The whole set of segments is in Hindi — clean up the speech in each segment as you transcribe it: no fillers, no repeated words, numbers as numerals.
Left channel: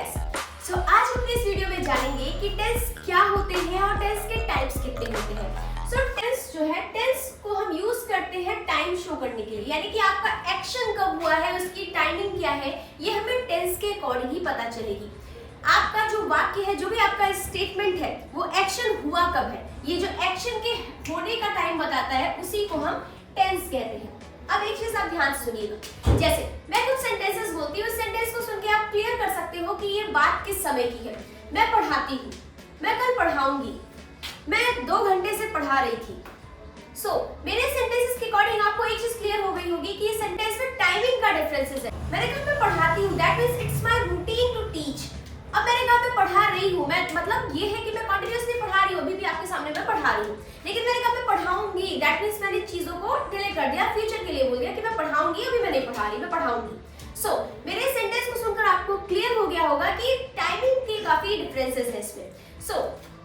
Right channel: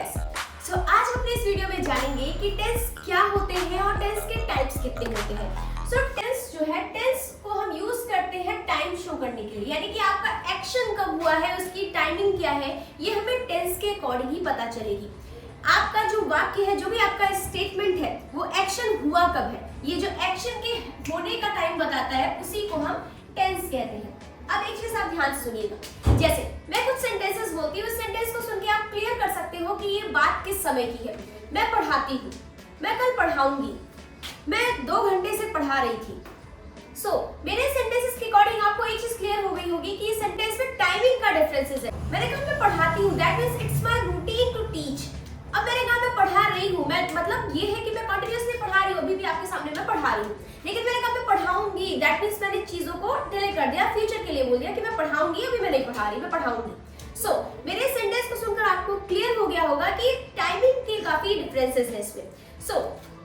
टेंस। आज हम इस वीडियो में जानेंगे कि टेंस क्या होते हैं और टेंस के टाइप्स कितने होते हैं। टेंस जो है, टेंस को हम यूज करते हैं टाइम शो करने के लिए, यानी कि आपका एक्शन कब हुआ है, उसकी टाइमिंग क्या है, ये हमें टेंस के अकॉर्डिंग ही पता चलेगी। आपका जो वाक्य है, जो भी आपका स्टेटमेंट है, वो एक्शन हुआ कब है, ये जो एक्शन के होने का टाइम बताता है, उसी को हम टेंस कहते हैं। अब एक चीज आप ध्यान से सुनिएगा, जैसे मैं कुछ सेंटेंसेस बोलती हूँ, उस सेंटेंस को सुन के आप क्लियर कर सकते हो कि ये बात किस समय की है। मैं पढ़ाती हूँ, मैं कल पढ़ाऊंगी, मैं 2 घंटे से पढ़ा रही थी। मेरे सेंटेंसेस के अकॉर्डिंग आपको एक चीज क्लियर हो गई होगी कि इस सेंटेंस में टाइमिंग का डिफरेंसेस है। मैंने कहा मैं पढ़ाती हूँ, that means it's my routine to teach. अब मैंने कहा मैं पढ़ा रही हूँ, मैं मतलब ये है कि मैं कंटिन्यूअसली पढ़ा रही हूँ, अभी भी आपके सामने मैं पढ़ा रही हूँ। लेकिन मैंने कहा मैं पढ़ाऊंगी, दैट मींस मैंने चीजों को डिले कर दिया, फ्यूचर के लिए बोल दिया कि मैं पढ़ाऊंगी, अभी मैं नहीं पढ़ा रही, मैं पढ़ाऊंगी। मेरे सेंटेंस को सुनकर आपको क्लियर हो गया होगा कि टाइमिंग के काफी डिफरेंसेस है इसमें।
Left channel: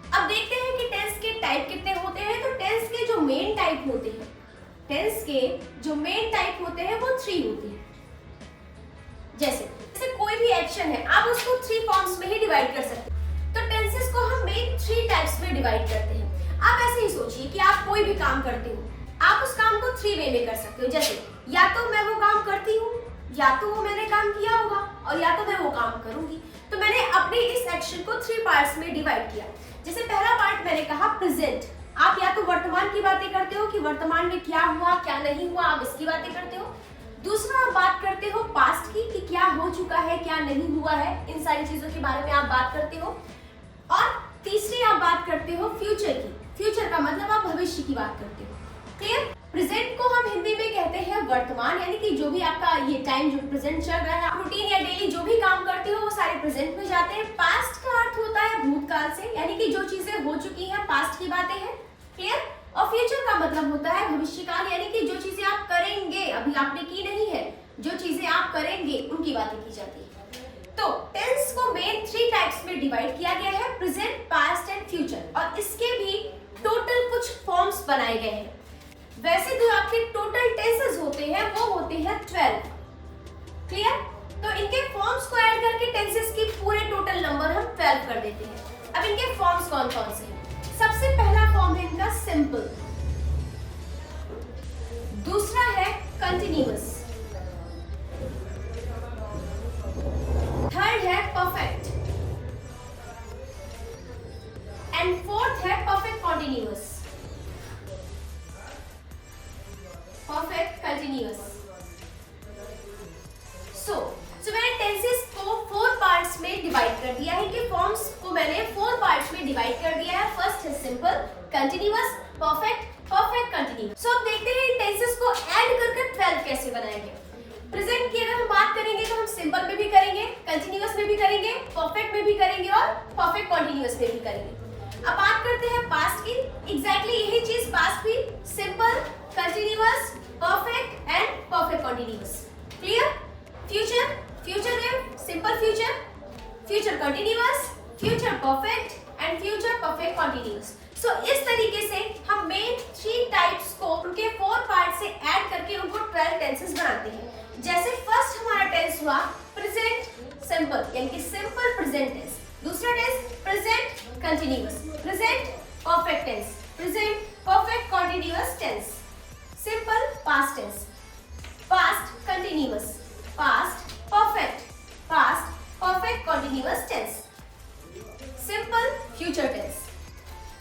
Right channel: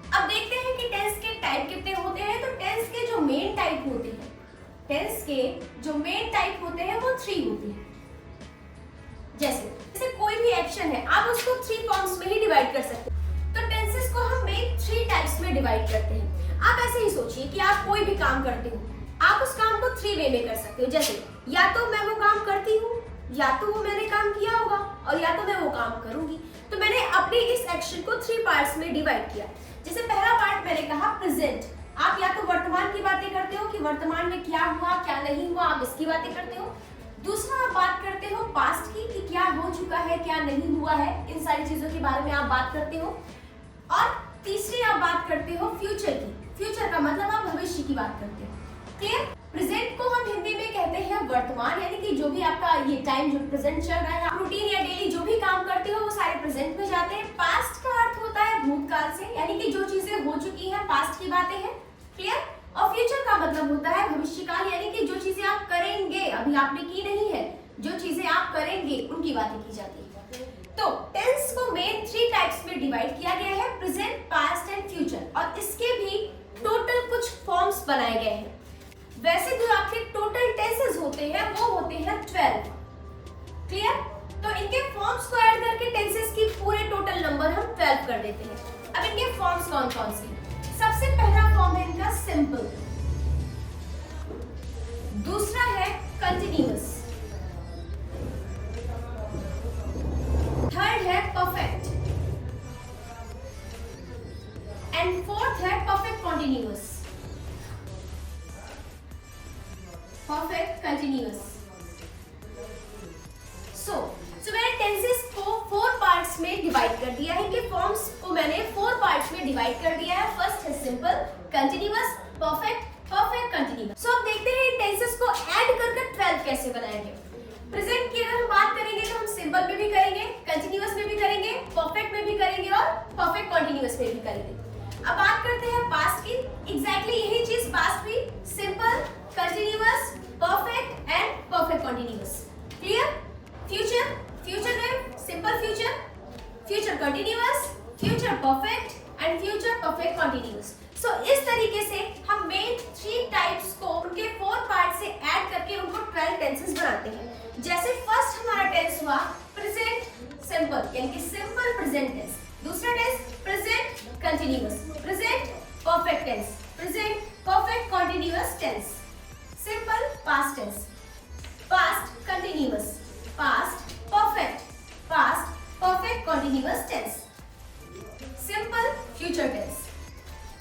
अब देखते हैं कि टेंस के टाइप कितने होते हैं। तो टेंस के जो मेन टाइप होते हैं, टेंस के जो मेन टाइप होते हैं वो 3 होते हैं। जैसे कोई भी एक्शन है, आप उसको 3 फॉर्म्स में ही डिवाइड कर सकते हैं। तो टेंसेस को हम मेन 3 टाइप्स में डिवाइड करते हैं। आप ऐसे ही सोचिए कि आप कोई भी काम करते हो, आप उस काम को 3 वे में कर सकते हो। जैसे या तो मैं वो काम करती हूँ, या तो वो मैंने काम किया होगा, और या तो मैं वो काम करूंगी। तो मैंने अपने इस एक्शन को 3 पार्ट्स में डिवाइड किया। जैसे पहला पार्ट मैंने कहा प्रेजेंट, आप या तो वर्तमान की बातें करते हो कि वर्तमान में क्या हुआ क्या नहीं हुआ, आप इसकी बातें करते हो। दूसरा आप बात करते हो पास्ट की कि क्या हो चुका है क्या नहीं हुआ है, इन सारी चीजों के बारे में आप बात करते हो। और तीसरी आप बात करते हो फ्यूचर की। फ्यूचर का मतलब आप भविष्य की बात करते हो। क्लियर? प्रेजेंट को हम हिंदी में कहते हैं वर्तमान, यानी कि जो भी आपका ये टाइम जो प्रेजेंट चल रहा है, आप रूटीन या डेली जो भी काम करते हो वो सारे प्रेजेंट में जाते हैं। पास्ट का अर्थ होता है भूतकाल से, यानी कि जो चीजें हो चुकी हैं, पास्ट की बातें हैं। क्लियर? और फ्यूचर का मतलब होता है भविष्यकाल, यानी कि जो चीजें आप करेंगे, अभी आपने की नहीं है, जो चीजें आप करेंगे उनकी बातें की जाती है। तो टेंस को मेन 3 टाइप्स में डिवाइड किया गया है, प्रेजेंट, पास्ट एंड फ्यूचर। और इसके भी टोटल कुछ फॉर्म्स बनाए गए हैं। वैसे जो आपके टोटल टेंसेस होते हैं वो होते हैं 12। क्लियर? तो इनके फॉर्म्स को ऐड करके टेंसेस की पूरे टोटल नंबर हम 12 कर देते हैं। अब इनके फॉर्म्स कौन कौन से हैं? सबसे पहला फॉर्म है इनका सिंपल, दूसरा है कंटिन्यूअस, थर्ड है परफेक्ट, एंड फोर्थ है परफेक्ट कॉन्टिन्यूअस। Perfect continuous. मैंने टेंसेस को 4 पार्ट्स में डिवाइड कर दिया है, कि फॉर्म्स को मैंने 4 पार्ट्स में डिवाइड कर दिया है। फर्स्ट है simple, continuous, perfect, perfect continuous. अब देखते हैं इन टेंसेस को ऐड करके 12 कैसे बनाएंगे। प्रेजेंट की अगर हम बात करेंगे तो हम सिंपल में भी करेंगे, कंटिन्यूअस में भी करेंगे, परफेक्ट में भी करेंगे और परफेक्ट कॉन्टिन्यूअस में भी करेंगे। अब बात करते हैं पास्ट की। एग्जैक्टली यही चीज पास्ट भी, simple, continuous, perfect and perfect continuous. Clear? Future, future में simple future, future continuous, future perfect and future perfect continuous. इस तरीके से हम मेन 3 टाइप्स को उनके 4 पार्ट से ऐड करके उनको 12 टेंसेस बनाते हैं। जैसे फर्स्ट हमारा टेंस हुआ प्रेजेंट सिंपल, यानी कि सिंपल प्रेजेंट टेंस। दूसरा tense present continuous, present perfect tense, present perfect continuous tense. Simple past tense, past continuous, past perfect, past perfect continuous tense. Simple future tense,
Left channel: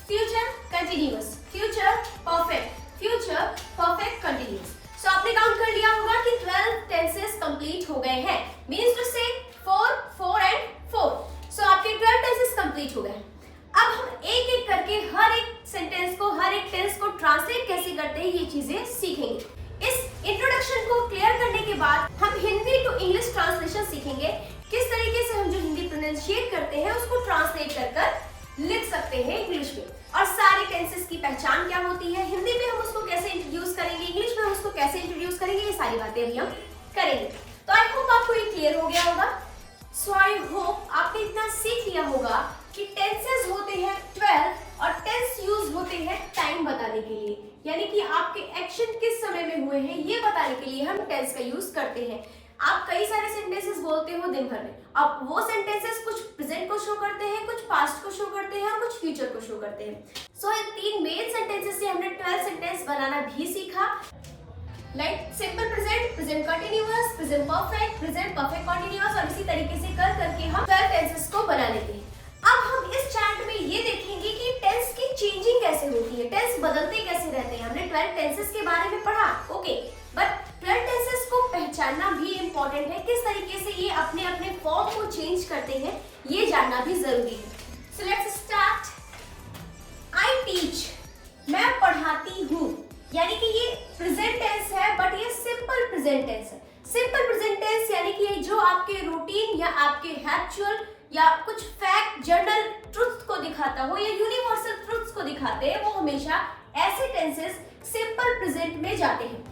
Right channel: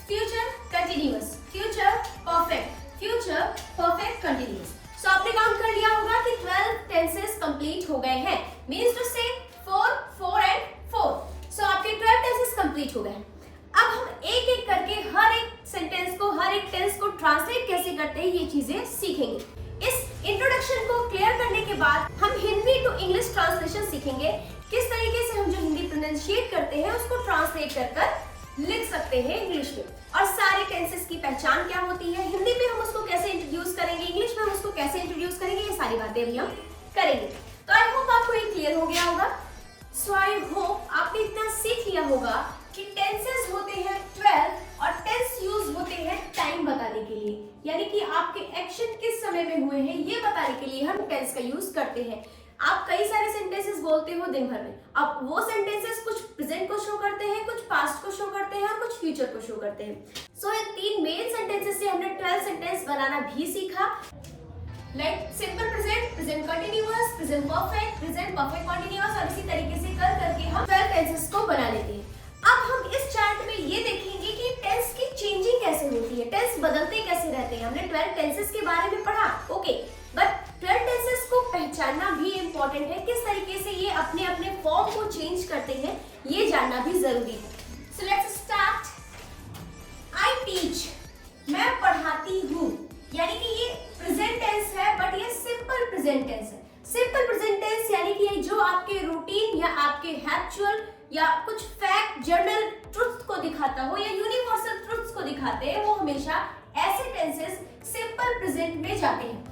future continuous, future perfect, future perfect continuous. आपने काउंट कर लिया होगा कि 12 टेंसेस कंप्लीट हो गए हैं। मींस टू से 4, 4 एंड 4। आपके 12 टेंसेस कंप्लीट हो गए। अब हम एक एक करके हर एक सेंटेंस को, हर एक टेंस को ट्रांसलेट कैसे करते हैं ये चीजें सीखेंगे। इस इंट्रोडक्शन को क्लियर करने के बाद हम हिंदी टू इंग्लिश ट्रांसलेशन सीखेंगे। किस तरीके से हम जो हिंदी प्रोनाउंसिएट करते हैं उसको ट्रांसलेट कर लिख सकते हैं इंग्लिश में, और सारे टेंसेस की पहचान क्या होती है, हिंदी में हम उसको कैसे इंट्रोड्यूस करेंगे, इंग्लिश में हम उसको कैसे इंट्रोड्यूस करेंगे, ये सारी बातें अभी हम करेंगे। तो आई होप आपको ये क्लियर हो गया होगा। आई होप आपने इतना सीख लिया होगा कि टेंसेस होते हैं 12 और टेंस यूज होते हैं टाइम बताने के लिए, यानी कि आपके एक्शन किस समय में हुए हैं ये बताने के लिए हम टेंस का यूज करते हैं। आप कई सारे सेंटेंसेस बोलते हो दिन भर में, अब वो सेंटेंसेस कुछ शो करते हैं, कुछ पास्ट को शो करते हैं और कुछ फ्यूचर को शो करते हैं। सो ये 3 मेन सेंटेंसेस से हमने 12 सेंटेंस बनाना भी सीखा, like simple present, present continuous, present perfect, present perfect continuous, और इसी तरीके से कर करके हम 12 टेंसेस को बना लेते हैं। अब हम इस चार्ट में ये देखेंगे कि टेंस की चेंजिंग कैसे होती है, टेंस बदलते कैसे रहते हैं। हमने 12 टेंसेस के बारे में पढ़ा, ओके, बट 12 टेंसेस को पहचानना भी इम्पोर्टेंट है, किस तरीके से ये अपने अपने फॉर्म को चेंज करते हैं, ये जानना भी जरूरी है। So let's start. I teach, मैं पढ़ाती हूँ, यानी कि ये प्रेजेंट टेंस है, बट ये सिंपल प्रेजेंट टेंस है। सिंपल प्रेजेंट टेंस यानी कि जो आपके रूटीन या आपके हैबिचुअल या कुछ फैक्ट, जर्नल ट्रुथ को दिखाता हो या यूनिवर्सल ट्रुथ्स को दिखाते हैं, वो हमेशा ऐसे टेंसेस सिंपल प्रेजेंट में जाते हैं।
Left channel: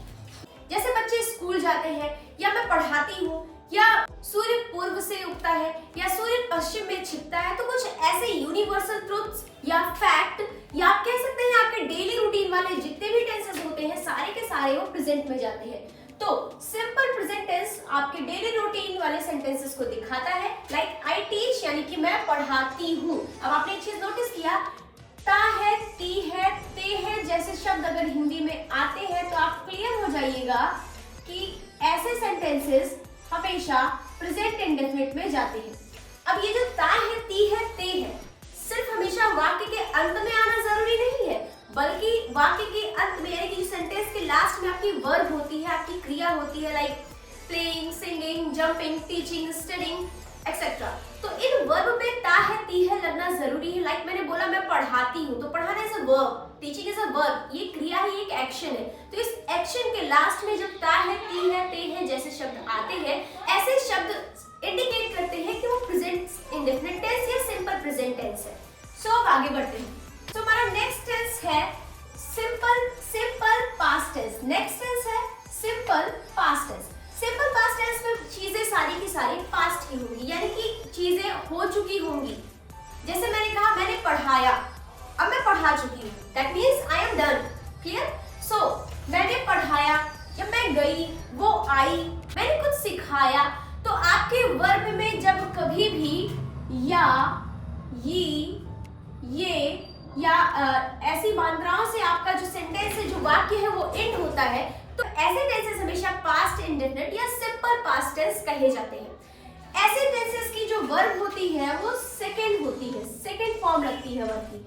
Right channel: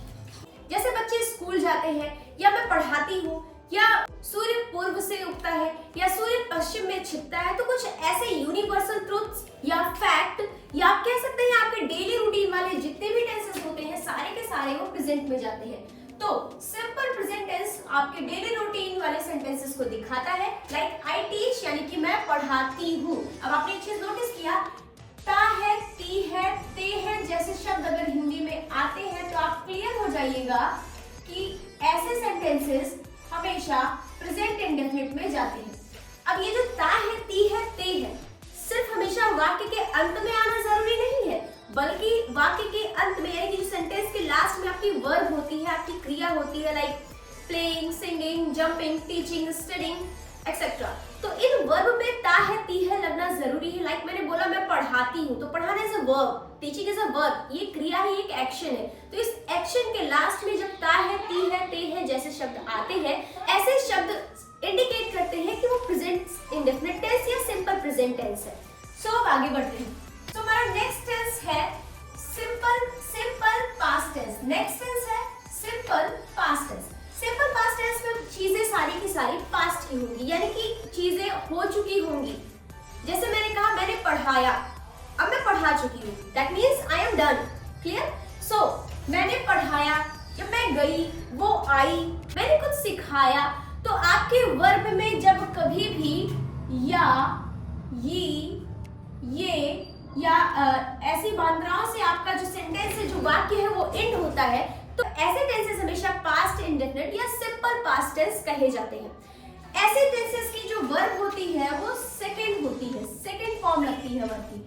जैसे बच्चे स्कूल जाते हैं, या मैं पढ़ाती हूँ, या सूर्य पूर्व से उगता है, या सूर्य पश्चिम में छिपता है, तो कुछ ऐसे यूनिवर्सल ट्रुथ्स या फैक्ट, या आप कह सकते हैं आपके डेली रूटीन वाले जितने भी टेंसेस होते हैं, सारे के सारे वो प्रेजेंट में जाते हैं। तो सिंपल प्रेजेंट टेंस आपके डेली रूटीन वाले सेंटेंसेस को दिखाता है, लाइक आई टीच यानी कि मैं पढ़ाती हूँ। अब आपने एक चीज नोटिस किया, ता है, ती है, ते है जैसे शब्द अगर हिंदी में आते हैं तो आप क्लियर हो जाइएगा कि ऐसे सेंटेंसेस हमेशा प्रेजेंट इंडेफिनिट में जाते हैं। अब ये जो ता है, ती है, ते है, सिर्फ हमेशा वाक्य के अंत में आना जरूरी नहीं है, बल्कि वाक्य के अंत में यानी कि सेंटेंस के लास्ट में आपकी वर्ब होती है, आपकी क्रिया होती है, like playing, singing, jumping, teaching, studying etcetera. तो इन वर्ब में ता है, ती है लगना जरूरी है। लाइक मैंने बोला मैं पढ़ाती हूँ, तो पढ़ाना is a verb, teaching is a verb, ये क्रिया है, एक एक्शन है। तो इस एक्शन के लास्ट में जब ता है, ती है, ते है जैसे शब्द आते हैं, ऐसे शब्द इंडिकेट करते हैं कि वो प्रेजेंट इंडेफिनिट टेंस या सिंपल प्रेजेंट टेंस है। सो अब आगे बढ़ते हैं। तो हमारा नेक्स्ट टेंस है simple past tense. Next tense है simple past tense. Simple past tense में चीजें सारी की सारी पास्ट की होंगी, यानी कि चीजें हो चुकी होंगी। जैसे मैंने कहा मैंने पढ़ाया, अब मैं पढ़ा चुकी हूँ, that means I am done, clear. So मैंने पढ़ाया, जब मैं गई, वो आई, मैंने कुछ सिखाया। तो आपके वर्ब में जब कभी भी या, ये या ऐसी मात्राओं से आपका जो सेंटेंस है, जो वाक्य है, वो एंड होता है, तो ऐसे टेंसेस हमेशा पास्ट इंडेफिनिट या सिंपल पास्ट टेंस कहे जाते हैं। ऐसे टेंसेस की जो वर्ब होती है वो सेकंड होती है, सेकंड फॉर्म लगती है वर्ब की।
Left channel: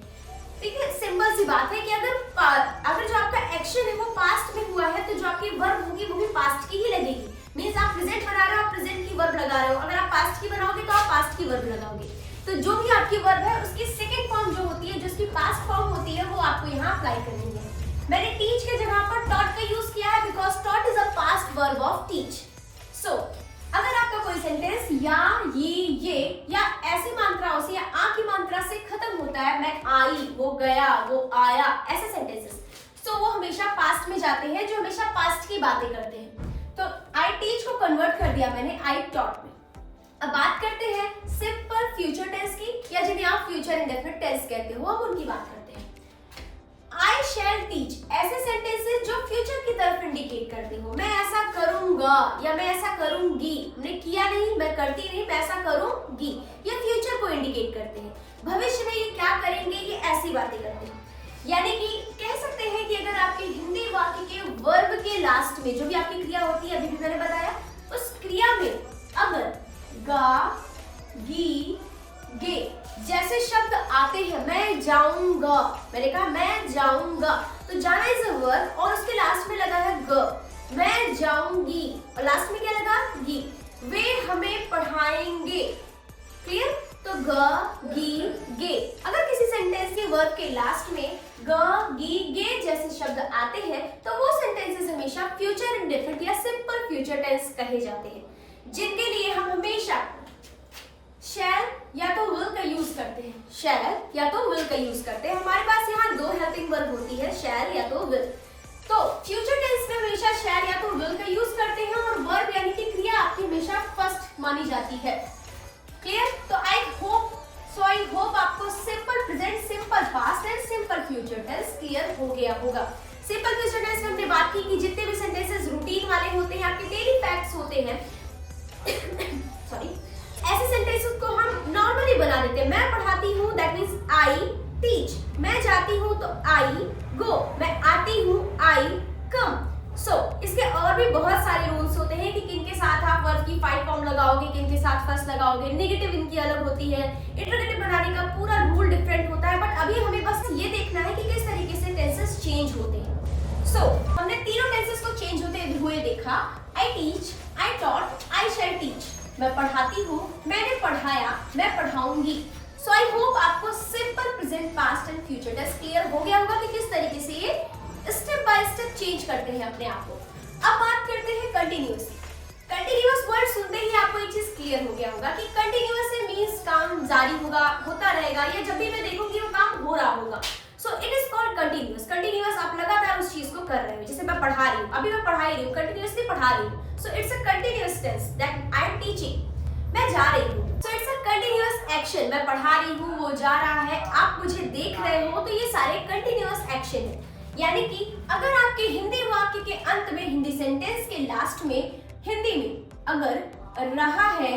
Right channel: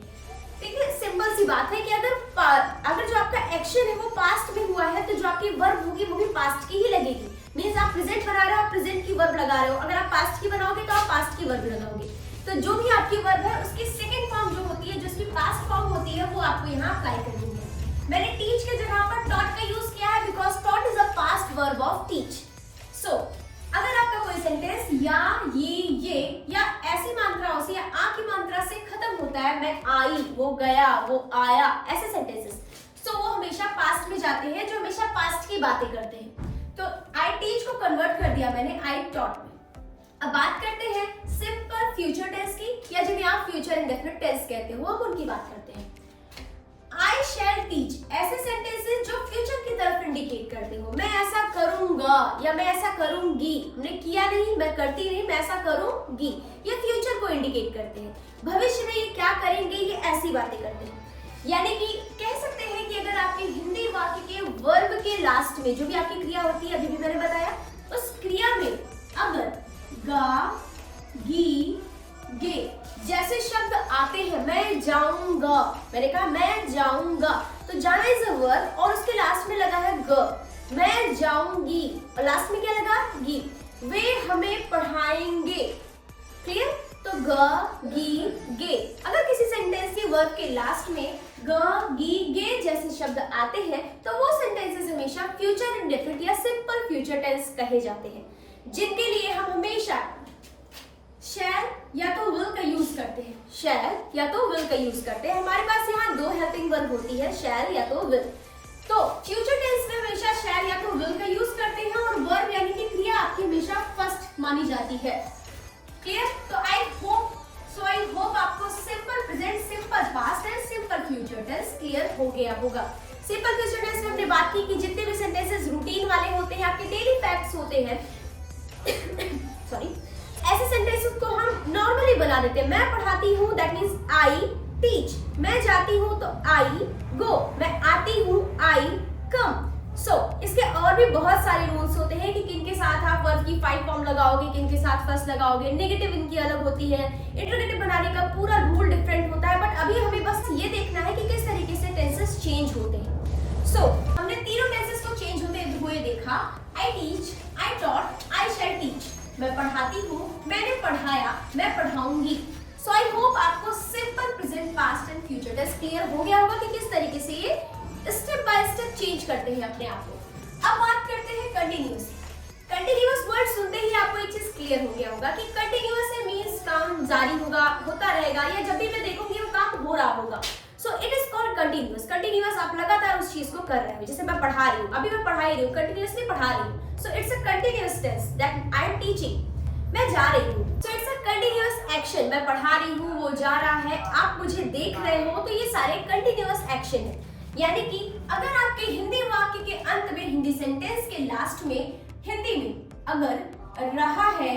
ठीक है, सिंपल सी बात है कि अगर जो आपका एक्शन है वो पास्ट में हुआ है, तो जो आपकी वर्ब होगी वो भी पास्ट की ही लगेगी। मींस आप प्रेजेंट बना रहे हो, आप प्रेजेंट की वर्ब लगा रहे हो। अगर आप पास्ट की बनाओगे तो आप पास्ट की वर्ब लगाओगे। तो जो भी आपकी वर्ब है उसकी सेकंड फॉर्म जो होती है, जो उसकी पास्ट फॉर्म होती है, वो आपको यहाँ अप्लाई करनी है। मैंने टीच के जगह पर टॉट का यूज किया है, because taught is a past verb of teach. So अगर आपका कोई सेंटेंस या, ये या ऐसी मात्राओं से या आ की मात्रा से खत्म होता है, मैं आई, वो गया, वो आया, ऐसे सेंटेंसेस, तो वो हमेशा पास्ट में जाते हैं, जो हमेशा पास्ट की बातें करते हैं। तो आई टीच को कन्वर्ट कर दिया मैंने आई टॉट में। अब बात करते हैं सिंपल फ्यूचर टेंस की, या जिन्हें आप फ्यूचर इंडेफिनिट टेंस कहते हो, हम उनकी बात करते हैं। आई शैल टीच, ऐसे सेंटेंसेस जो फ्यूचर की तरफ इंडिकेट करते हो, मैं ऐसा करूंगा या मैं ऐसा करूंगी, हमने किया नहीं, मैं करती नहीं, मैं ऐसा करूंगी, ये फ्यूचर को इंडिकेट करते हैं। भविष्य में ये क्या करेंगे, ये ऐसी बातें करते हैं। यानी कि कह सकते हैं कि अगर आपके हिंदी वाक्य के वर्ब के लास्ट में जो भी आपकी क्रिया होती है, अभी भी मैंने बताया, उस क्रिया में अगर गा, गी, गे जैसे शब्द आते हैं, मैं जाऊंगा, मैंने कहा मैं जाऊंगा, तो जाना इज अ वर्ब और उसके लास्ट में लगा है ग, मैं जाऊंगी, और लास्ट में क्या लगा, गी, वे हमें पढ़ाएंगे, क्लियर। तो ग, गी, गे, अगर किसी सेंटेंस के वर्ब के लास्ट में ग, गी, गे जैसे शब्द आते हैं, तो वो सेंटेंसेस हमेशा फ्यूचर इंडेफिनिट या सिंपल फ्यूचर टेंस कहे जाते हैं, जिनके लिए हम हमेशा शैल या तो विल का यूज करते हैं, शैल या तो विल का यूज करते हैं। हमारे पास यहाँ दो हेल्पिंग वर्ब होती है, शैल या तो विल। तो फ्यूचर टेंस में हमेशा शैल या तो विल का यूज करते हैं, और वर्ब यानी कि क्रिया आपकी हमेशा फर्स्ट मानी जाती है, क्लियर। तो आई होप आपको simple present, simple past and simple future tense clear हो गया होगा। सिंपल फ्यूचर टेंस में हमने बात की कि जितने भी सेंटेंसेस रूटीन वाले होते हैं, आपके डेली फैक्ट्स होते हैं सॉरी, ऐसे सेंटेंसेस को हम नॉर्मली भी बना देते हैं। मैं पढ़ाती हूँ दैट मीन्स आई टीच, मैं जाती हूँ तो आई गो, मैं आती हूँ आई कम। सो इसके और भी बहुत सारे रूल्स होते हैं कि किन के साथ आप वर्ब की 5 फॉर्म लगाओगे, किन के साथ फर्स्ट लगाओगे, नेगेटिव इनकी अलग होती है, इंटरोगेटिव बनाने का पूरा रूल डिफरेंट होता है। बट अभी हमें बस ये देखना है कि किस तरीके से टेंसेस चेंज होते हैं। सो हमने तीनों टेंसेस को चेंज होते हुए देखा। I teach, I taught, I shall teach. मैं पढ़ाती हूँ, मैंने पढ़ाया, मैं पढ़ाऊंगी। सो आई होप आपको simple present past and future tense clear हो गया होगा कि किस तरीके से ये स्टेप बाय स्टेप चेंज करते हैं अपने आप को। अब बात करते हैं कंटिन्यूअस। कंटिन्यूअस वर्ड सुनते ही आपको एक चीज क्लियर हो गया होगा कि कंटिन्यूअस से मींस काम जारी होगा, होता रहेगा, या जब भी मैं देखूंगी वो काम हो रहा होगा। So it is called continuous. Continuous आप लगातार उस चीज को कर रहे हो। जैसे मैं पढ़ा रही हूँ, अभी मैं पढ़ा ही रही हूँ, कंटिन्यूअसली पढ़ा रही हूँ। So it's a continuous tense that I am teaching. मैं जा रही हूँ, so it's a continuous action. मैं पढ़ा रही हूँ, वो जा रहा है, आप मुझे देख रहे हो, तो ये सारे कंटिन्यूअस एक्शन है। यानी कि अगर आपके हिंदी वाक्य के अंत में, हिंदी सेंटेंस के लास्ट में, हिंदी में अगर रहा है,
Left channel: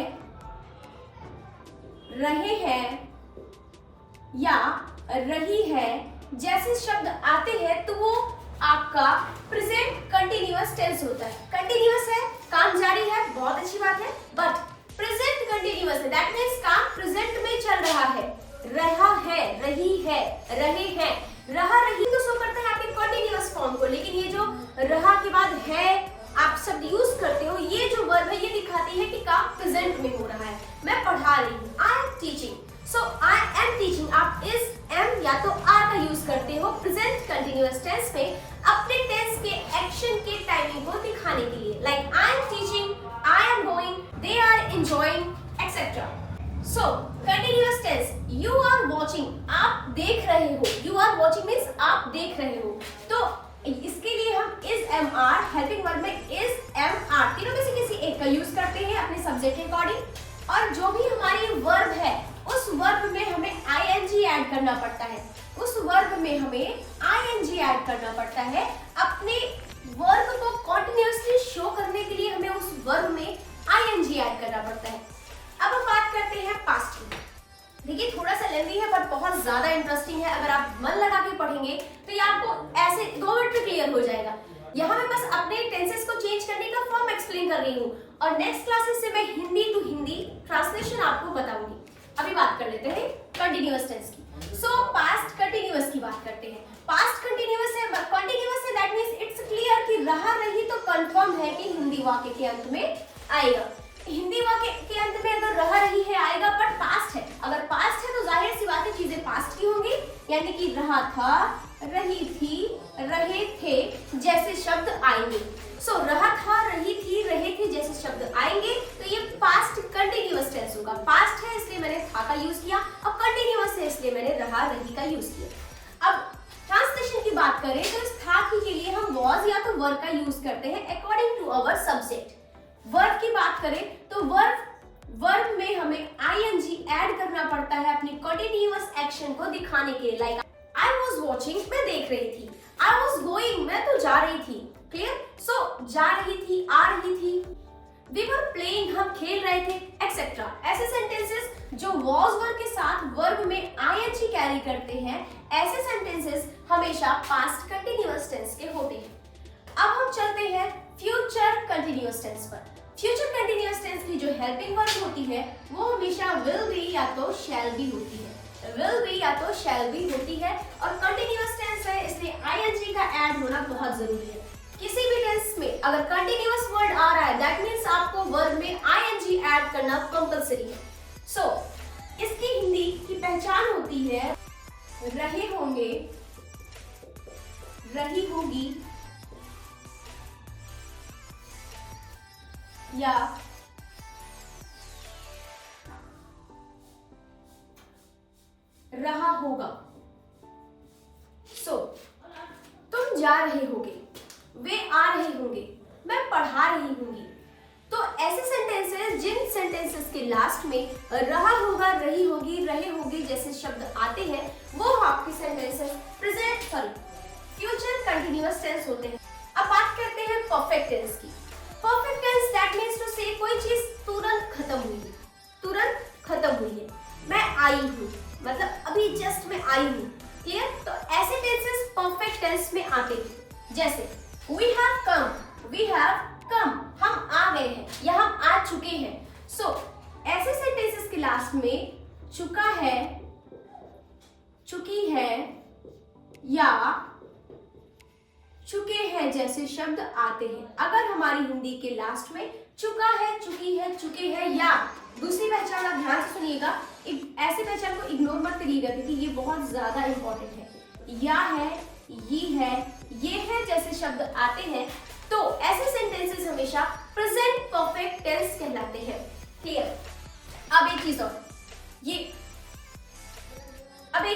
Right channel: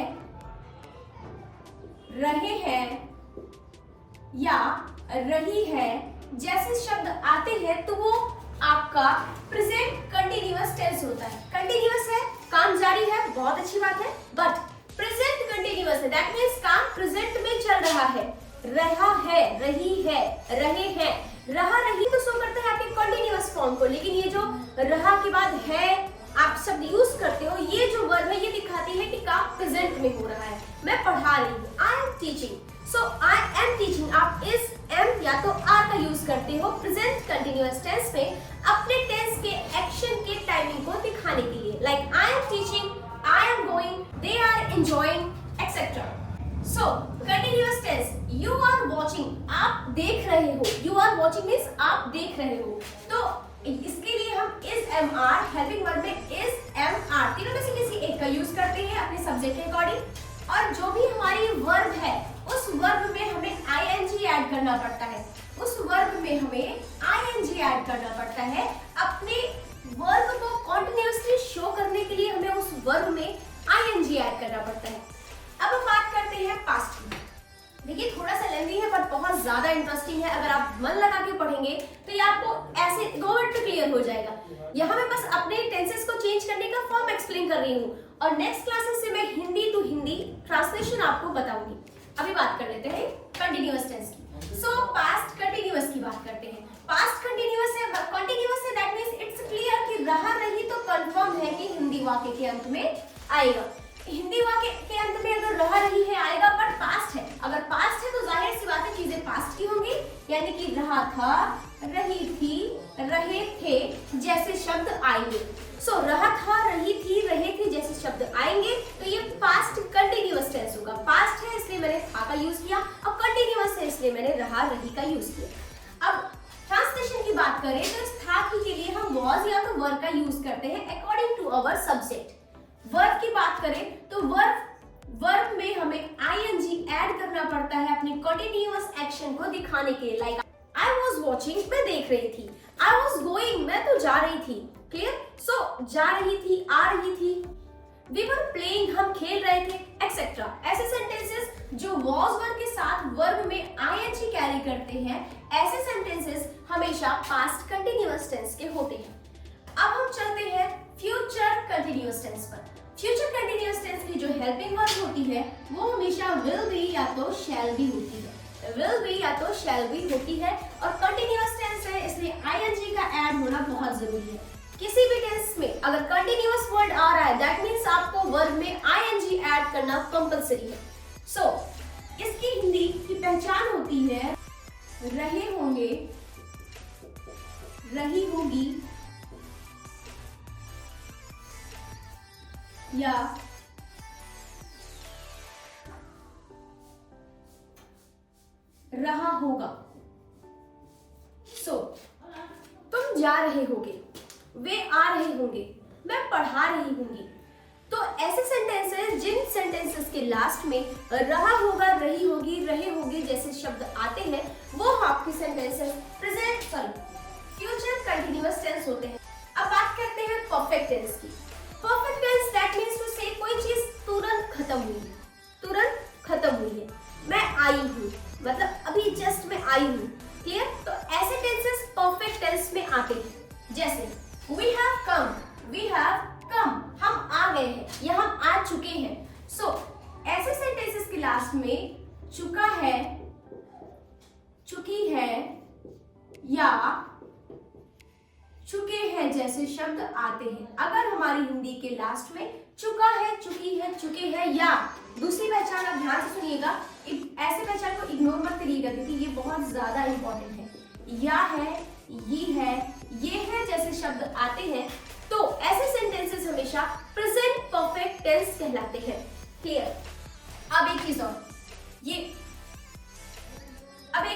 रहे हैं या रही है जैसे शब्द आते हैं तो वो आपका प्रेजेंट कंटिन्यूअस टेंस होता है। कंटिन्यूअस है, काम जारी है, बहुत अच्छी बात है, बट प्रेजेंट कंटिन्यूअस है, दैट मींस काम प्रेजेंट में चल रहा है। रहा है, रही है, रहे हैं, रहा रही तो शो करता है आपके कंटिन्यूअस फॉर्म को, लेकिन ये जो रहा के बाद है आप शब्द यूज करते हो, ये जो वर्ब है ये दिखाती है कि काम प्रेजेंट में हो रहा है। मैं पढ़ा रही हूँ, आई am teaching. So I am teaching, आप इस एम या तो आर का यूज करते हो प्रेजेंट कंटिन्यूअस टेंस में अपने टेंस के एक्शन के टाइमिंग को दिखाने के लिए। Like I am teaching, I am going, they are enjoying etcetera. So continuous tense, you are watching, आप देख रहे हो। यू आर वॉचिंग मीन्स आप देख रहे हो। तो इसके लिए हम is am are, helping verb में इज एम आर, तीनों में से किसी एक का यूज करते हैं अपने सब्जेक्ट के अकॉर्डिंग। और जो भी हमारी वर्ब है उस वर्ब में हमें आईएनजी ऐड करना पड़ता है। उस वर्ब में हमें आईएनजी ऐड करना पड़ता है। अपने वर्ब को कंटिन्यूअसली शो करने के लिए हमें उस वर्ब में आईएनजी ऐड करना पड़ता है। अब हम बात करते हैं पास्ट की। देखिए थोड़ा सा लेंदी है बट बहुत ज्यादा इंटरेस्टिंग है। अगर आप मन लगा के पढ़ेंगे तो ये आपको ऐसे 2 मिनट में क्लियर हो जाएगा। यहाँ मैं बस अपने टेंसेस को चेंज करने का फॉर्म एक्सप्लेन कर रही हूँ और नेक्स्ट क्लासेस से मैं हिंदी टू हिंदी ट्रांसलेशन आपको बताऊंगी। अभी बात कर लेते हैं कंटिन्यूअस टेंस की। सो पास्ट कंटिन्यूअस की बात करते हैं। पास्ट कंटिन्यूअस है, कंटिन्यूअस है, दैट मींस इट्स क्लियर कि रहा रही तो कंफर्म है कि हिंदी वाक्य के अंत में आएगा। हिंदी वाक्य के अंत में अगर रहा रही है आएगा, बट पास्ट है। अगर पास्ट है तो जाहिर सी बात है चीजें पास्ट की होंगी, यानी कि रहा था, रही थी, रहे थे जैसे शब्द आएंगे। सो रहा था, रही थी, रहे थे जैसे शब्द आएंगे तो ये पास्ट कंटिन्यूअस टेंस होगा। पास्ट है इसलिए मैंने था का यूज किया, अब कंटिन्यूअस है इसलिए मैंने रहा रही का यूज किया। अब ट्रांसलेशन की बात करें तो इस था के लिए हम वॉज या तो वर्ब का यूज करते हैं according to our subject. Verb की बात करें तो वर्ब में हमें आईएनजी ऐड करना पड़ता है अपने कंटिन्यूअस एक्शन को दिखाने के लिए। लाइक आई वाज वाचिंग, मैं देख रही थी। आई वाज गोइंग, मैं तो जा रही थी। क्लियर? सो जा रही थी, आ रही थी। वी वर प्लेइंग, हम खेल रहे थे, एक्सेट्रा। ऐसे सेंटेंसेस जो वॉज वर्ब के साथ वर्ब में आईएनजी कैरी करते हैं, ऐसे सेंटेंसेस हमेशा पास्ट कंटिन्यूअस टेंस के होते हैं। अब हम चलते हैं फ्यूचर कंटिन्यूअस टेंस पर। फ्यूचर कंटिन्यूअस टेंस की जो हेल्पिंग वर्ब होती है वो हमेशा विल बी या तो शैल बी होती है। विल बी या तो शैल बी होती है और कंटिन्यूअस टेंस है इसलिए आईएनजी का ऐड होना बहुत जरूरी है। किसी भी टेंस में अगर कंटिन्यूअस वर्ड आ रहा है दैट मींस आपको वर्ब में आईएनजी ऐड करना कंपलसरी है। सो इसकी हिंदी की पहचान होती है रहे होंगे, रही होगी या रहा होगा। सो तुम जा रहे होगे, वे आ रहे होंगे, मैं पढ़ा रही होंगी। तो ऐसे सेंटेंसेस जिन सेंटेंसेस के लास्ट में रहा होगा, रही होगी, रहे होगे जैसे शब्द आते हैं वो आपके सेंटेंसेस फ्यूचर कंटिन्यूअस टेंस होते हैं। अब बात करते हैं परफेक्ट टेंस की। Perfect tense that means to say कोई चीज तुरंत खत्म हुई है, तुरंत खत्म हुई है। मैं आई हूँ, मतलब अभी जस्ट मैं आई हूँ। क्लियर? तो ऐसे टेंसेस परफेक्ट टेंस में आते हैं। जैसे वी हैव कम, हम आ गए हैं या हम आ चुके हैं। सो ऐसे सेंटेंसेस के लास्ट में चुका है, चुकी है या चुके हैं जैसे शब्द आते हैं। अगर हमारी हिंदी के लास्ट में चुका है, चुकी है, चुके हैं या दूसरी पहचान, आप ध्यान से सुनिएगा, ऐसे पहचान को इग्नोर मत करिएगा क्योंकि ये बहुत ज्यादा इंपॉर्टेंट है। या है, ये है जैसे शब्द आते हैं तो ऐसे सेंटेंसेस हमेशा प्रेजेंट परफेक्ट टेंस कहलाते हैं। क्लियर? अब एक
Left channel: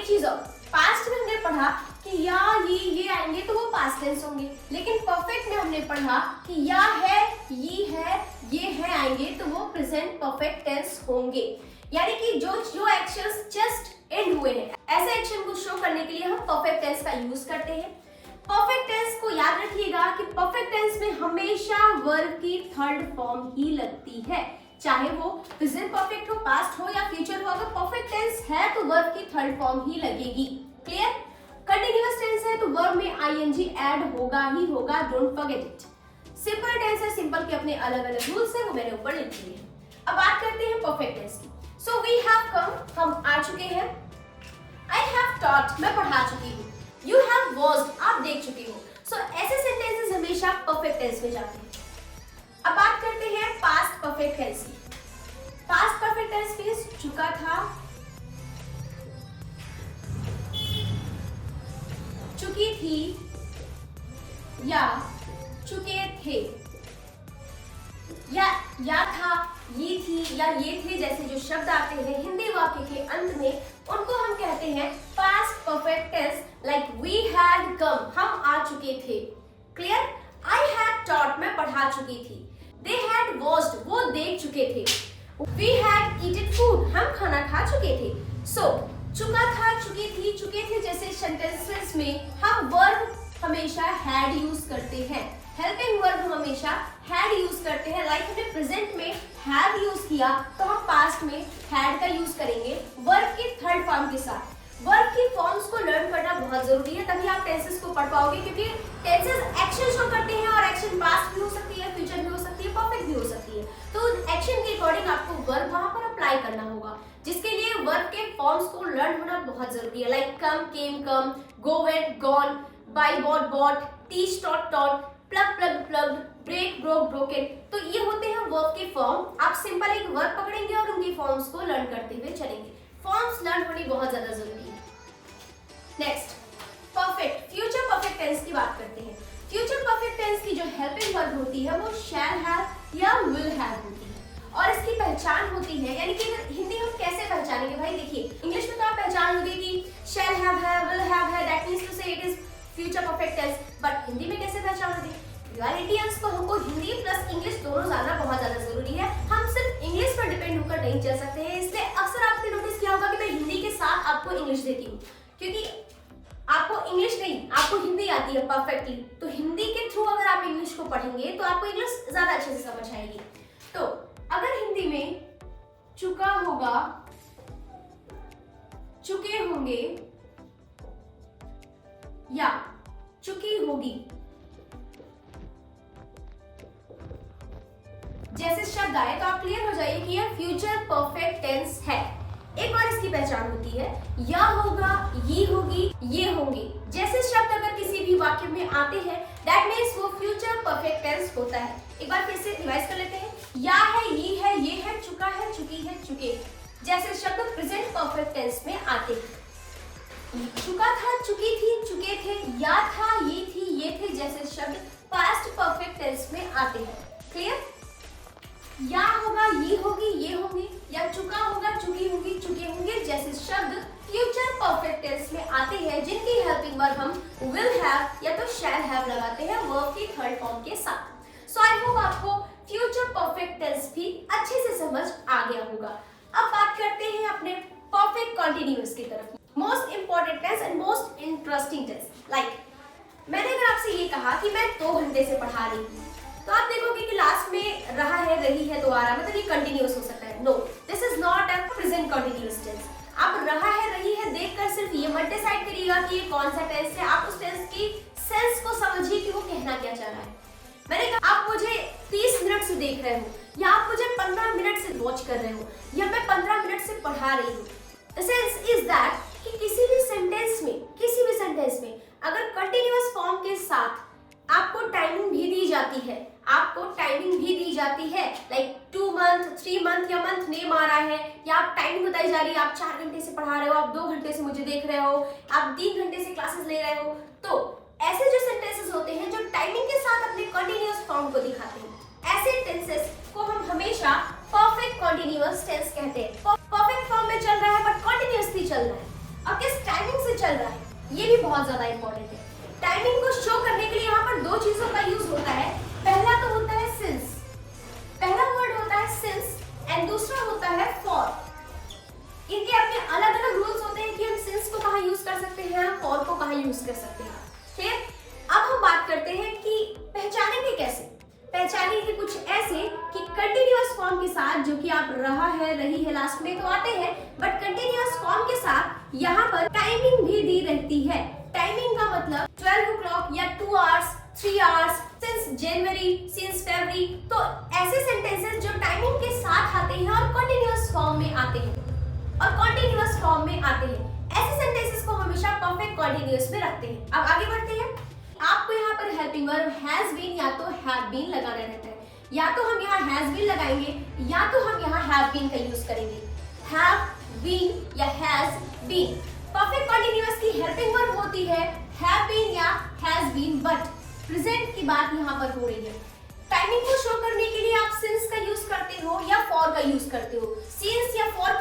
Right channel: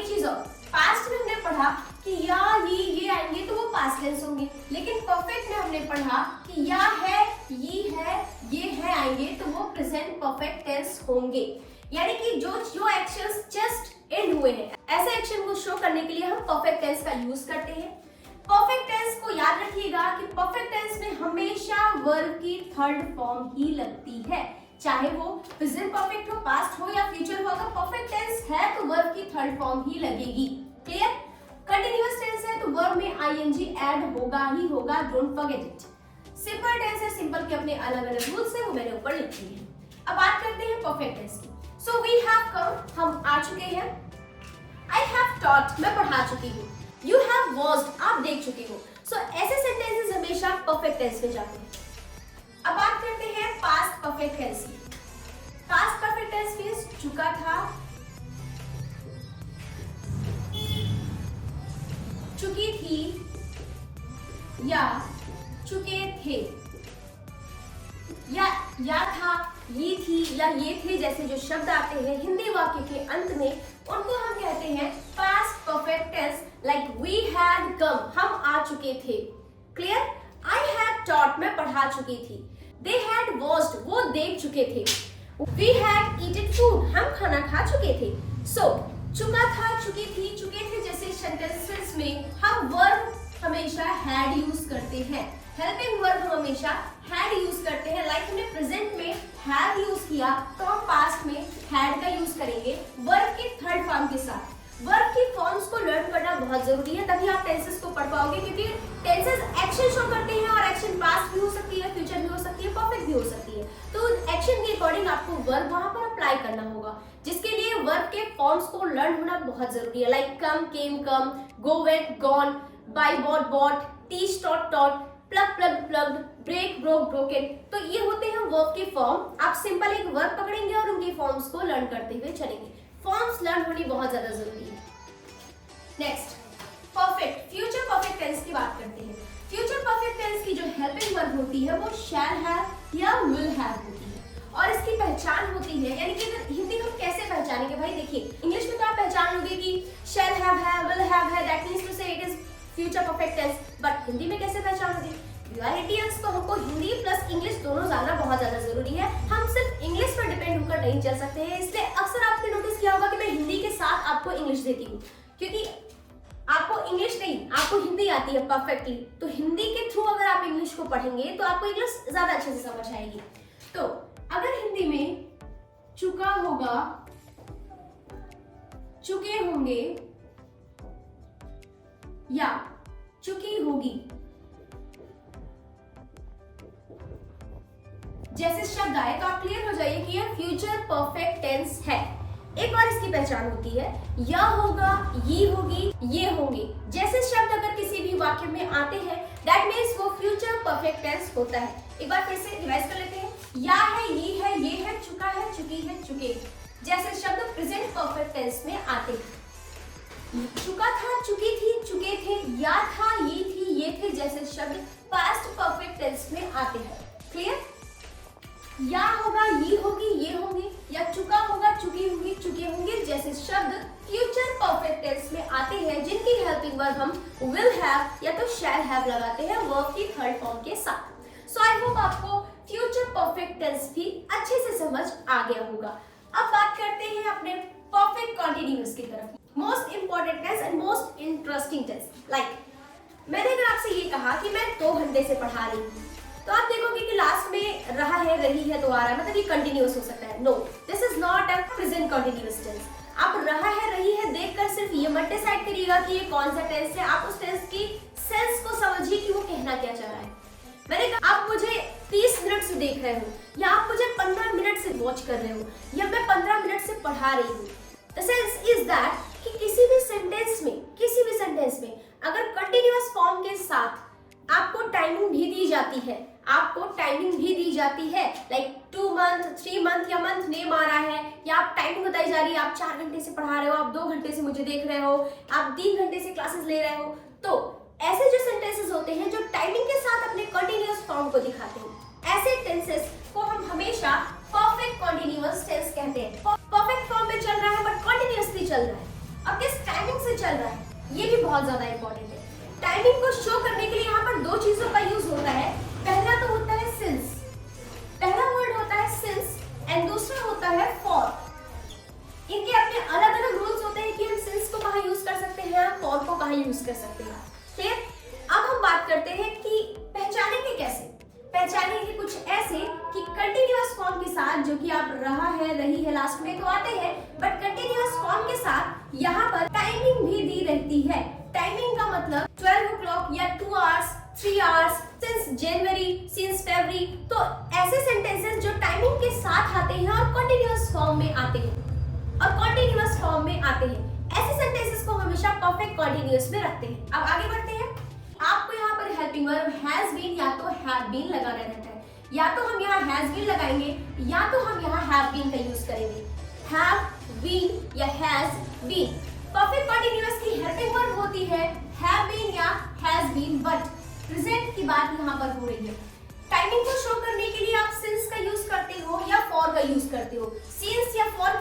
चीज और, पास्ट में हमने पढ़ा कि या ये आएंगे तो वो पास्ट टेंस होंगे, लेकिन परफेक्ट में हमने पढ़ा कि या है, ये है आएंगे तो वो प्रेजेंट परफेक्ट टेंस होंगे। यानी कि जो एक्शंस जस्ट एंड हुए हैं, ऐसे एक्शन को शो करने के लिए हम परफेक्ट टेंस का यूज करते हैं। परफेक्ट टेंस को याद रखिएगा कि परफेक्ट टेंस में हमेशा वर्ब की थर्ड फॉर्म ही लगती है, चाहे वो प्रेजेंट परफेक्ट हो, पास्ट हो या फ्यूचर हो। अगर परफेक्ट टेंस है तो वर्ब की थर्ड फॉर्म ही लगेगी। क्लियर? कंटिन्यूअस टेंस है तो वर्ब में आईएनजी ऐड होगा ही होगा, don't forget it. Simple tense है, सिंपल के अपने अलग अलग रूल्स है, वो मैंने ऊपर लिख दिए हैं। अब बात करते हैं परफेक्ट टेंस की। सो वी हैव कम, हम आ चुके हैं। आई हैव टॉट, मैं पढ़ा चुकी हूँ। यू हैव वॉच्ड, आप देख चुके हो। सो ऐसे सेंटेंसेस हमेशा परफेक्ट टेंस में जाते हैं। अब बात करते हैं पास्ट परफेक्ट टेंस की। पास्ट परफेक्ट टेंस मींस चुका था, चुकी थी या चुके थे। या था, ये थी या ये थे जैसे जो शब्द आते हैं हिंदी वाक्य के अंत में, उनको हम कहते हैं past perfect tense. Like we had come, हम आ चुके थे। क्लियर? आई हैड टॉट, मैं पढ़ा चुकी थी। दे हैड वॉच्ड, वो देख चुके थे। वी हैड ईटेन फूड, हम खाना खा चुके थे। सो चुका था, चुकी थी, चुके थे जैसे सेंटेंसेस में हम वर्ब हमेशा हैड यूज करते हैं। हेल्पिंग वर्ब हम हमेशा हैड यूज करते हैं। लाइक हमने प्रेजेंट में हैव यूज किया तो हम पास्ट में हैड का यूज करेंगे वर्ब की थर्ड फॉर्म के साथ। वर्ब की फॉर्म्स को लर्न करना बहुत जरूरी है, तभी आप टेंसेस को पढ़ पाओगे, क्योंकि टेंसेस एक्शन शो करते हैं और एक्शन पास्ट भी हो सकती है, फ्यूचर भी हो सकती है, परफेक्ट भी हो सकती है। तो एक्शन के अकॉर्डिंग आपको वर्ब वहां पर अप्लाई करना होगा, जिसके लिए वर्ब के फॉर्म्स को लर्न होना बहुत जरूरी है। Like come, came, come, go, went, gone, buy, bought, bought, teach, taught, taught, plug, plug, plugged, break, broke, broken. तो ये होते हैं वर्ब के फॉर्म। आप सिंपल एक वर्ब पकड़ेंगे और उनके फॉर्म्स को लर्न करते हुए चलेंगे। फॉर्म्स लर्न होनी बहुत ज्यादा जरूरी है। Next, perfect future perfect tense की बात करते हैं। फ्यूचर परफेक्ट टेंस की जो हेल्पिंग वर्ब होती है वो शैल हैव या विल हैव होती है, और इसकी पहचान होती है, यानी कि हिंदी में हम कैसे पहचानेंगे भाई? देखिए, इंग्लिश में तो आप पहचान लोगे कि शैल हैव है, विल हैव है, that means to say it is future perfect tense. But Hindi में कैसे पहचानोगे? रियलिटियंस तो हमको हिंदी प्लस इंग्लिश दोनों जानना बहुत ज्यादा जरूरी है। हम सिर्फ इंग्लिश पर डिपेंड होकर नहीं चल सकते हैं, इसलिए अक्सर आपने नोटिस किया होगा कि मैं हिंदी के साथ आपको इंग्लिश देती हूँ, क्योंकि आपको इंग्लिश नहीं, आपको हिंदी आती है परफेक्टली। तो हिंदी के थ्रू अगर आप इंग्लिश को पढ़ेंगे तो आपको इंग्लिश ज्यादा अच्छे से समझ आएगी। तो अगर हिंदी में चुका होगा, चुके होंगे या चुकी होगी जैसे शब्द आए तो आप क्लियर हो जाइए कि यह फ्यूचर परफेक्ट टेंस है। एक और इसकी पहचान होती है या होगा, ये होगी, ये होंगे जैसे शब्द अगर किसी भी वाक्य में आते हैं, दैट मीन्स वो फ्यूचर परफेक्ट टेंस होता है। एक बार फिर से रिवाइज कर लेते हैं। या है, ये है, चुका है, चुकी है, चुके जैसे शब्द प्रेजेंट परफेक्ट टेंस में आते हैं। चुका था, चुकी थी, चुके थे, या था, ये थी, ये थे जैसे शब्द पास्ट परफेक्ट टेंस में आते हैं। क्लियर? या होगा, ये होगी, ये होंगे, या चुका होगा, चुकी होंगी, चुके होंगे जैसे शब्द फ्यूचर परफेक्ट टेंस में आते हैं, जिनकी हेल्पिंग वर्ब हम विल हैव या तो शैल हैव लगाते हैं वर्ब की थर्ड फॉर्म के साथ। सो आई होप आपको फ्यूचर परफेक्ट टेंस भी अच्छे से समझ आ गया होगा। अब बात करते हैं अपने परफेक्ट कंटीन्यूअस की तरफ। Most important tense and most interesting tense. Like मैंने अगर आपसे ये कहा कि मैं 2 घंटे से पढ़ा रही हूँ, तो आप देखोगे कि लास्ट में रहा है, रही है, तो आ रहा है, मतलब ये कंटिन्यूअस हो सकता है। No, this is not a present continuous tense. आप रहा है रही है देखकर सिर्फ ये मत डिसाइड करिएगा कि ये कौन सा टेंस है, आप उस टेंस की सेंस को समझिए कि वो कहना क्या चाह रहा है। मैंने कहा आप मुझे 30 मिनट से देख रहे हो या आप मुझे 15 मिनट से वॉच कर रहे हो या मैं 15 मिनट से पढ़ा रही हूँ। द सेंस इज दैट कि किसी भी सेंटेंस में अगर कंटिन्यूअस फॉर्म के साथ आपको टाइमिंग भी दी जाती है, लाइक 2 मंथ 3 मंथ या मंथ नेम आ रहा है या आप टाइमिंग बताई जा रही है, आप 4 घंटे से पढ़ा रहे हो, आप 2 घंटे से मुझे देख रहे हो, आप 3 घंटे से क्लासेस ले रहे हो, तो ऐसे जो सेंटेंसेस होते हैं जो टाइमिंग के साथ अपने कंटिन्यूअस फॉर्म को दिखाते हैं, ऐसे टेंसेस को हम हमेशा परफेक्ट कंटिन्यूअस टेंस कहते हैं। परफेक्ट फॉर्म में चल रहा है बट कंटिन्यूअसली चल रहा है और किस टाइमिंग से चल रहा है, ये भी बहुत ज्यादा इंपॉर्टेंट है। टाइमिंग को शो करने के लिए यहाँ पर 2 चीजों का यूज होता है। पहला तो होता है सिंस, पहला वर्ड होता है सिंस एंड दूसरा होता है फॉर। इनके अपने अलग अलग रूल्स होते हैं कि हम सिंस को कहाँ यूज कर सकते हैं, फॉर को कहाँ यूज कर सकते हैं। क्लियर? अब हम बात करते हैं कि पहचानेंगे कैसे। पहचानेंगे कुछ ऐसे कि कंटिन्यूअस फॉर्म के साथ, जो कि आप रहा है रही है लास्ट में तो आते हैं, बट कंटिन्यूअस फॉर्म के साथ यहाँ पर टाइमिंग भी दी रहती है। टाइमिंग का मतलब 12 o'clock या 2 hours 3 hours, since January, since February, तो ऐसे सेंटेंसेस जो टाइमिंग के साथ आते हैं और कंटिन्यूअस फॉर्म में आते हैं, ऐसे सेंटेंसेस को हमेशा परफेक्ट कंटिन्यूअस में रखते हैं। अब आगे बढ़ते हैं। आपको यहाँ पर हेल्पिंग वर्ब हैज बीन या तो हैव बीन लगाना रहता है, या तो हम यहाँ हैज बीन लगाएंगे या तो हम यहाँ हैव बीन का यूज करेंगे। हैव बीन या हैज बीन। परफेक्ट कंटिन्यूअस की हेल्पिंग वर्ब होती है हैव बीन या हैज बीन, बट प्रेजेंट की बात यहाँ पर हो रही है। टाइमिंग को शो करने के लिए आप सिंस का यूज करते हो या फॉर का यूज करते हो। सिंस या फॉर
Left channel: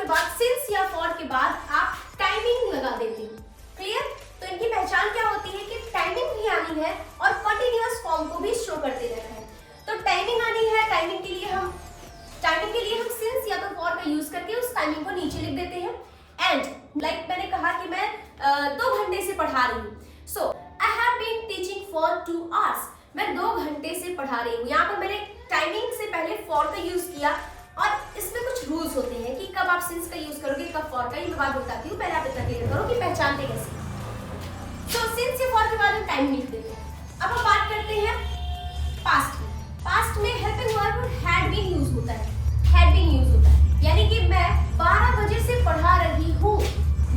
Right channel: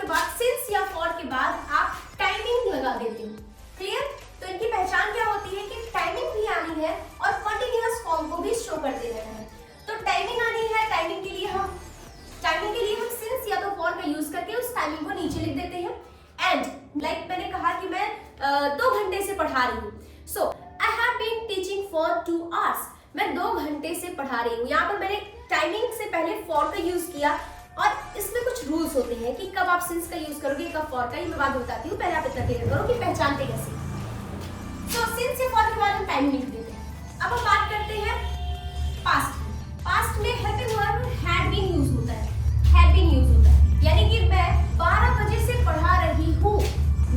के बाद आप टाइमिंग लगा देते हो। क्लियर? तो इनकी पहचान क्या होती है कि टाइमिंग भी आनी है और कंटिन्यूअस फॉर्म को भी शो करते रहना है। तो टाइमिंग आनी है, टाइमिंग के लिए हम सिंस या तो फॉर का यूज करके उस टाइमिंग को नीचे लिख देते हैं। एंड लाइक मैंने कहा कि मैं 2 घंटे से पढ़ा रही हूँ, so I have been teaching for 2 hours। मैं 2 घंटे से पढ़ा रही हूँ। यहाँ पर मैंने टाइमिंग से पहले फॉर का यूज किया और इसमें कुछ रूल्स होते हैं कि कब आप सिंस का यूज करोगे, कब फॉर का। ये मैं बात बताती हूँ, पहले आप इतना क्लियर करो कि पहचानते कैसे। तो सिंस या फॉर के बाद हम टाइमिंग लिख देते हैं। अब हम बात करते हैं पास्ट की। पास्ट में helping verb had been use होता है। यानी कि मैं 12 बजे से पढ़ा रही हूँ,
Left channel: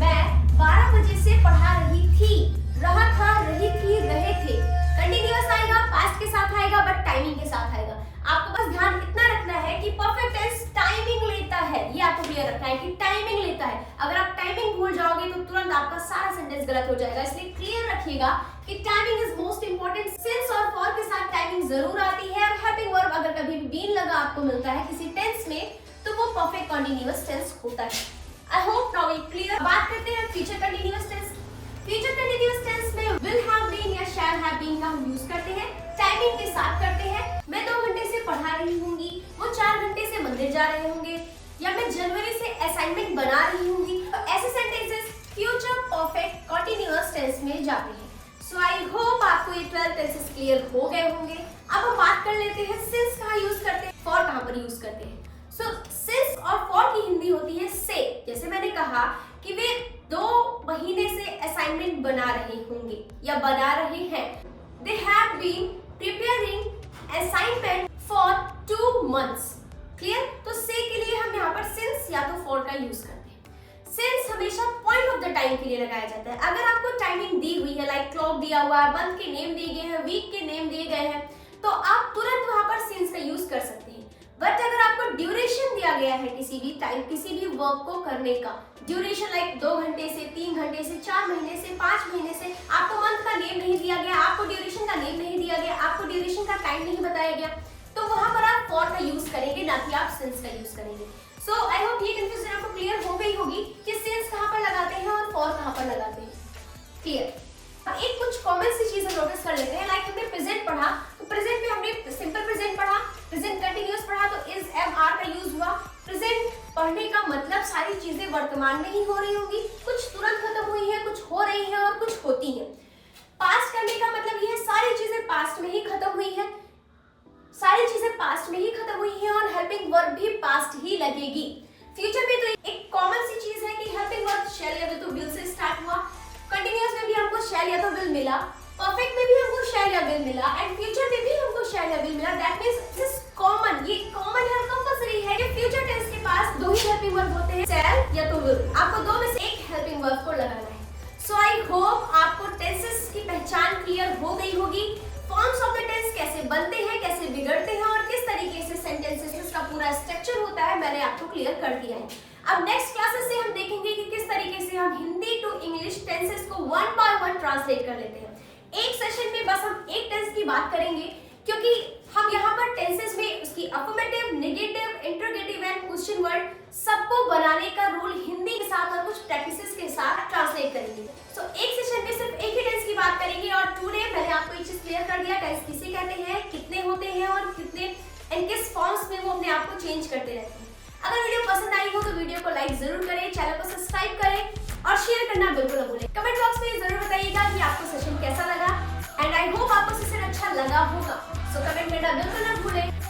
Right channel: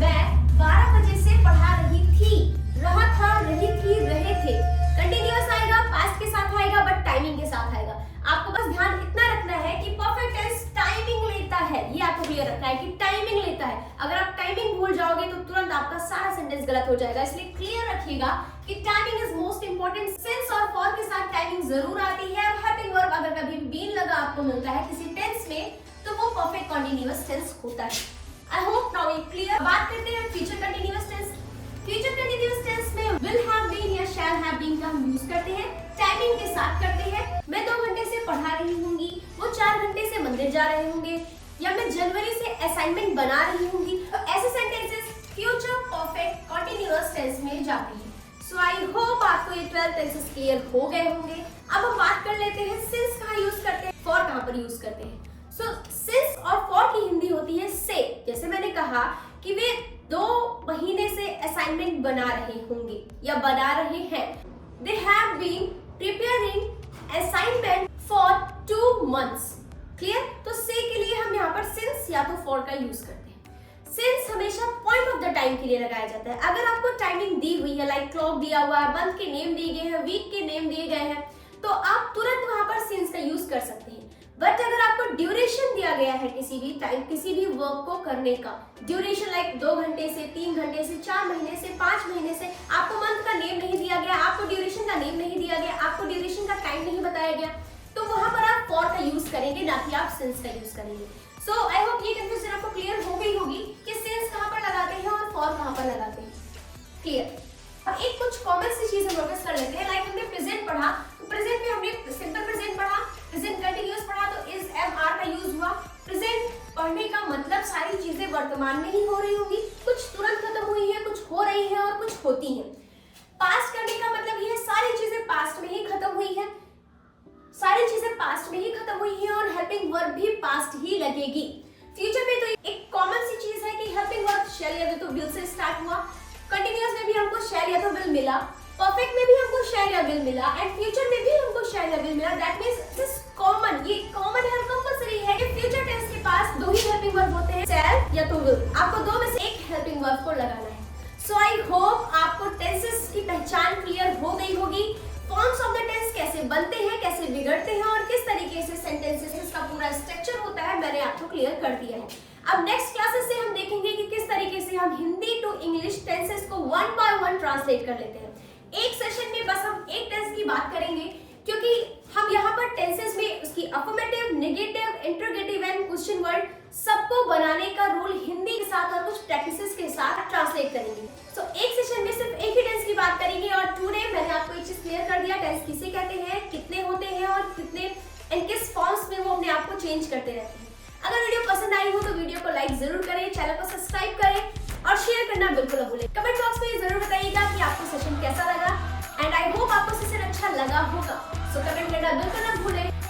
मैं 12 बजे से पढ़ा रही थी, रहा था, रही थी, रहे थे। कंटिन्यूअस आएगा, पास्ट के साथ आएगा, बट टाइमिंग के साथ आएगा। आपको बस ध्यान इतना रखना है कि परफेक्ट टेंस टाइमिंग लेता है। ये आपको क्लियर रखना है कि टाइमिंग लेता है। अगर आप टाइमिंग भूल जाओगे तो तुरंत आपका सारा सेंटेंस गलत हो जाएगा। इसलिए क्लियर रखिएगा कि timing is most important. Since और फॉर के साथ टाइमिंग जरूर आती है और हेल्पिंग वर्ब अगर कभी बीन लगा आपको मिलता है किसी टेंस में तो वो परफेक्ट कंटीन्यूअस टेंस होता है। I hope now you clear. बात करते हैं future continuous tense. Future continuous tense में विल हैव बीन या शैल हैव बीन का हम यूज करते हैं, टाइमिंग के साथ करते हैं। मैं 2 घंटे से पढ़ा रही होंगी, वो 4 घंटे से मंदिर जा रहे होंगे, या मैं जनवरी से असाइनमेंट बना रही होंगी। तो ऐसे sentences future perfect continuous tense में जाते हैं। सो आई होप आपको ये 12 टेंसेस क्लियर हो गए होंगे। अब हम बात कर लेते हैं सिंस कहाँ यूज करते हैं, फॉर कहाँ पर यूज करते हैं। सो सिंस और फॉर की हिंदी होती है से। जैसे मैंने कहा कि वे 2 महीने से असाइनमेंट बना रहे होंगे या बना रहे हैं। They have been preparing assignment for 2 months। Clear? तो से के लिए हम यहाँ पर सिंस या तो फॉर का यूज करते हैं। सिंस हमेशा पॉइंट ऑफ द टाइम के लिए लगाया जाता है। अगर आपको टाइमिंग दी हुई है, लाइक क्लॉक दिया हुआ है, मंथ के नेम दिए गए हैं, वीक के नेम दिए गए हैं, तो आप तुरंत वहां पर सिंस का यूज कर सकते हैं। बट अगर आपको ड्यूरेशन दिया गया है किसी भी टाइम, किसी भी वर्क को करने का ड्यूरेशन, लाइक 2 घंटे से 3 घंटे से 4 महीने से 5 महीने से, आपको मंथ का नेम नहीं दिया गया, आपको ड्यूरेशन का नेम नहीं दिया गया, आपको ड्यूरेशन का टाइम नहीं बताया गया, तो वहां पर आप फॉर का यूज करेंगे, ना कि आप सिंस का यूज करेंगे। सो आई होप ये कंफ्यूजन आपको क्लियर हो गई होगी कि सिंस कहां पर लगाते हैं और फॉर कहां पर लगाते हैं। क्लियर? अब एक कुछ कॉमन सी चीजें नोटिस कर लेते हैं। लाइक हमने प्रेजेंट पढ़ा, तो प्रेजेंट में हमने सिंपल प्रेजेंट पढ़ा, प्रेजेंट कंटीन्यूअस पढ़ा, तो इज एम आर का यूज हुआ। प्रेजेंट पढ़ने का मतलब सारी चीजें वर्तमान में ही हो रही होंगी, कुछ तुरंत खत्म हुई है, कुछ हो रही है और कुछ होती है। पास्ट करने का मतलब ये है सारी चीजें पास्ट में ही खत्म हुई है, सारी चीजें पास्ट में ही खत्म हुई है और हेल्पिंग वर्ब भी पास्ट ही लगेगी। फ्यूचर में तो एक कॉमन सी चीज है कि हेल्पिंग वर्ब तो विल से स्टार्ट हुआ, कंटिन्यूअस में भी हमको शैल या तो विल मिला, परफेक्ट में भी हमको शैल या विल मिला, एंड फ्यूचर में भी हमको शैल या विल मिला। दैट मींस दिस कॉमन, ये कॉमन है, कंपल्सरी है कि फ्यूचर टेंस के पास दो ही हेल्पिंग वर्ब होते हैं, शैल या तो विल। आपको दो में से एक हेल्पिंग वर्ब को लगाना है। सो आई होप आपको टेंसेस की पहचान क्लियर हो गई होगी। फॉर्म्स ऑफ द टेंस कैसे बनते हैं, कैसे बिगड़ते हैं और किस तरीके से सेंटेंसेस का पूरा स्ट्रक्चर होता है, मैंने आपको क्लियर कर दिया है। अब नेक्स्ट क्लासेस से हम देखेंगे कि किस तरीके से हम हिंदी टू इंग्लिश टेंसेस को वन बाय वन ट्रांसलेट कर लेते हैं। एक सेशन में बस हम एक टेंस की बात करेंगे, क्योंकि हम यहाँ पर टेंसेस में उसकी affirmative, negative, interrogative and question word सबको बनाने का रूल हिंदी के साथ और कुछ प्रैक्टिसेस के साथ ट्रांसलेट करेंगे। सो एक सेशन में सिर्फ एक ही टेंस की बात करेंगे और टुडे मैंने आपको एक चीज क्लियर कर दिया, टेंस किसे कहते हैं, कितने होते हैं और कितने एंड किस फॉर्म्स में वो अपने आप को चेंज करते रहते हैं। अगर वीडियो पसंद आई हो तो वीडियो को लाइक जरूर करें, चैनल को सब्सक्राइब करें और शेयर करना बिल्कुल न भूलें। कमेंट बॉक्स में जरूर बताइएगा कि आपको सेशन कैसा लगा, एंड आई होप आपको सेशन अच्छा लगा होगा। सो कमेंट करना बिल्कुल न भूलें।